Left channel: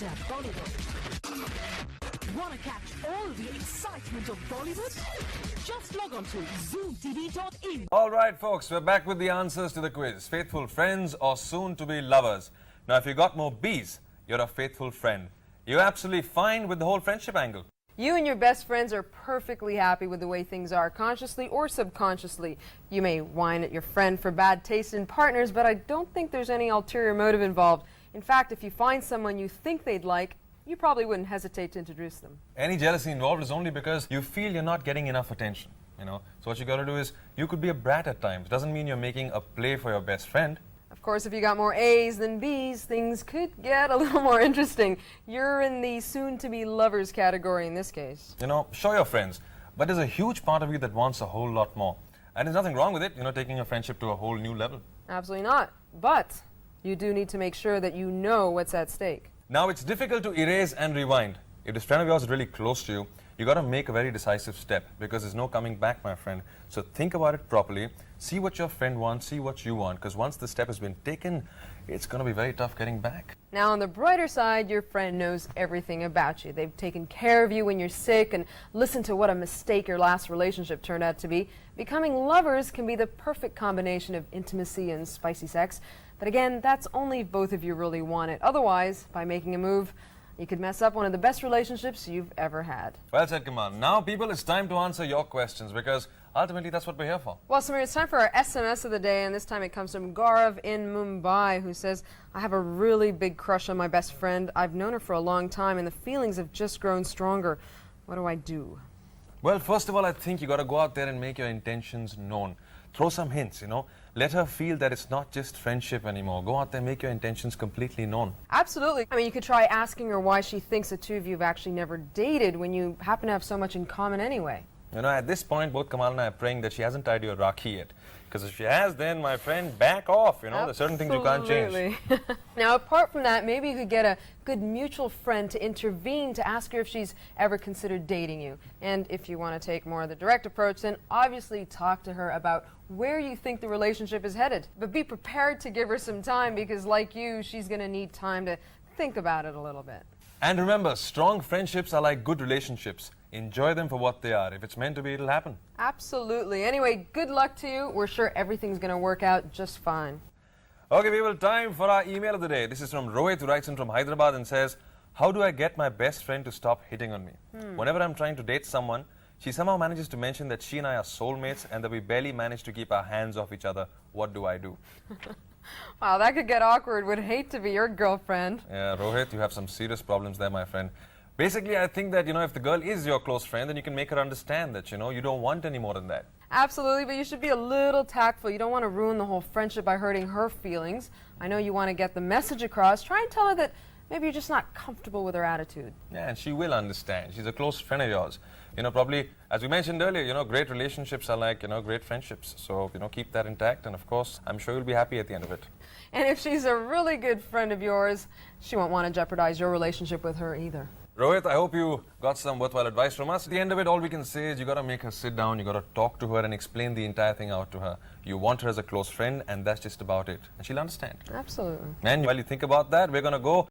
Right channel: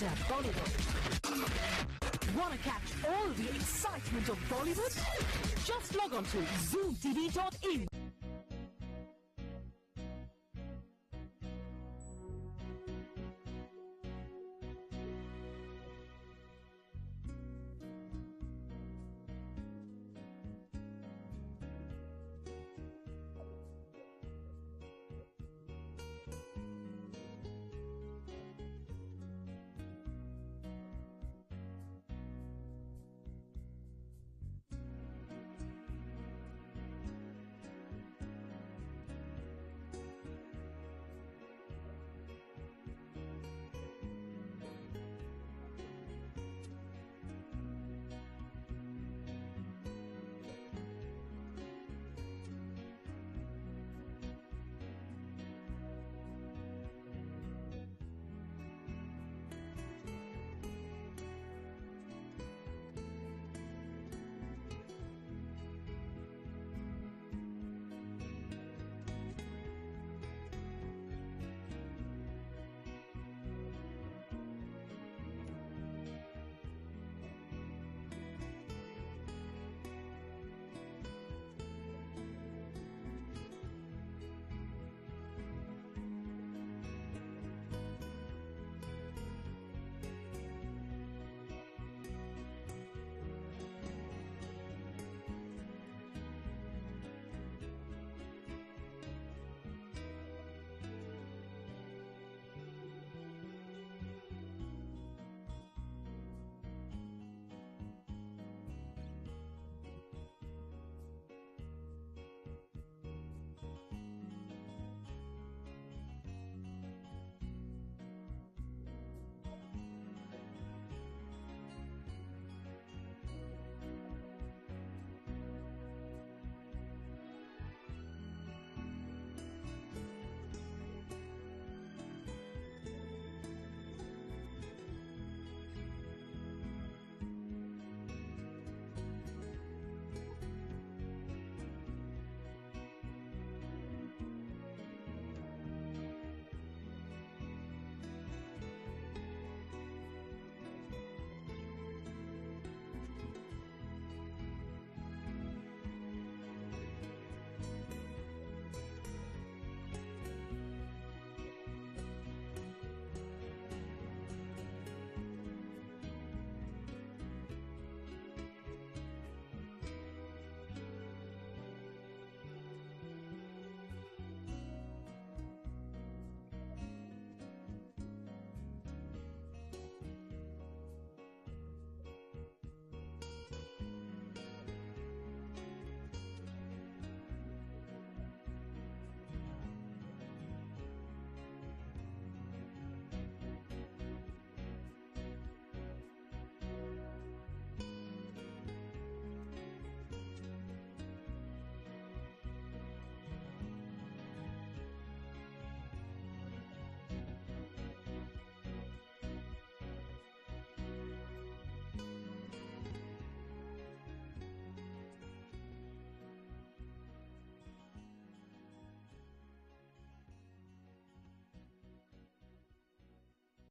Enter Bollywood. Want to catch all the excitement of Bollywood? Just log on to zoomtv.in. All right, folks, we're back with the answers to the quiz. Faithful friends or soon-to-be lovers? Now, if you got more B's, you're a faithful friend. You're absolutely fine with the whole friendship angle. You and your best friends are perfectly happy with the way things are, consciously or subconsciously. You may whine at your friend for bad taste in partners, but I don't think there's any ulterior motive involved. In fact, if you find someone you think they'd like, you probably wouldn't hesitate to introduce them. Any jealousy involved is only because you feel you're not getting enough attention, So what you gotta do is, you could be a brat at times. Doesn't mean you're making a play for your best friend. Of course, if you got more A's than B's, things could get a little more interesting. You're in the soon-to-be lovers category in this case. Show your friends, but there's a huge part of you that wants a whole lot more. And there's nothing wrong with it, taking your friendship to a whole new level. Absolutely not. But you do need to make sure that you know what's at stake. Now, it's difficult to erase and rewind. If this friend of yours is really close to you, you got to make a very decisive step because there's no coming back, my friend. So think about it properly. See what your friend wants, see what you want, because once the step has been taken, it's going to be very tough getting back. Now, on the brighter side, your friend knows everything about you. They've taken care of you when you're sick and listened to what a mistake your last relationship turned out to be. Becoming lovers can be the perfect combination of intimacy and spicy sex. But again, that's only if both of you really want it. Otherwise, by making a move, you could mess up one of the best relationships you've ever had. Well said, Kamal. Now, people, it's time to answer your questions because ultimately that's what we're here for. Well, Samir, it's time for our SMS of the day, and this time it comes from Gaurav in Mumbai, who says, I have a really big crush on my best friend. I've known her for a long time, and the feelings have just grown stronger. What do I do? Well, first of all, I think you got to go out there and make your intentions known. Throw some hints, Let her feel that it's not just friendship anymore. Go out there, make your intentions completely known. Absolutely. I mean, you could try asking her why she thinks the two of you have actually never dated when you happen to have so much in common anyway. At this point, both Kamal and I are praying that she hasn't tied you a Rakhi yet. Because if she has, then, my friend, back off, There's certain things you can't change. Now, apart from that, maybe you could get a good mutual friend to intervene to ask her if she's ever considered dating you. And if you want to take more of the direct approach, then obviously talk to her about where you think the relationship is headed. But be prepared to give her some time because, like you, she's going to need time to think about it a little bit. And remember, strong friendships are like good relationships. Enjoy them for what they are. If it's meant to be, it'll happen. Absolutely. Anyway, good luck to you. We're sure everything's going to work out just fine. Okay, people, time for our email of the day. This is from Rohit, who writes in from Hyderabad and says, how do I get my best friend to stop hitting on me? Whenever I'm trying to date someone, she somehow manages to mention that she and I are soulmates and that we barely manage to keep our hands off each other. What do I do? Wow, that could get awkward. Would hate to be your girlfriend. Yeah, Rohit, you have some serious problems there, my friend. Basically, I think that, if the girl is your close friend, then you can make her understand that, you don't want any more than that. Absolutely, but you should be a little tactful. You don't want to ruin the whole friendship by hurting her feelings. I know you want to get the message across. Try and tell her that maybe you're just not comfortable with her attitude. Yeah, and she will understand. She's a close friend of yours. Probably, as we mentioned earlier, great relationships are like, great friendships. So, keep that intact. And of course, I'm sure you'll be happy at the end of it. And if she's a really good friend of yours, she won't want to jeopardize your relationship with her either. Rohit, I hope you got some worthwhile advice from us. At the end of it, all we can say is you got to make her sit down, you got to talk to her and explain the entire thing out to her. You want her as a close friend, and that's just about it. And she'll understand. Absolutely. And while you think about that, we're going to go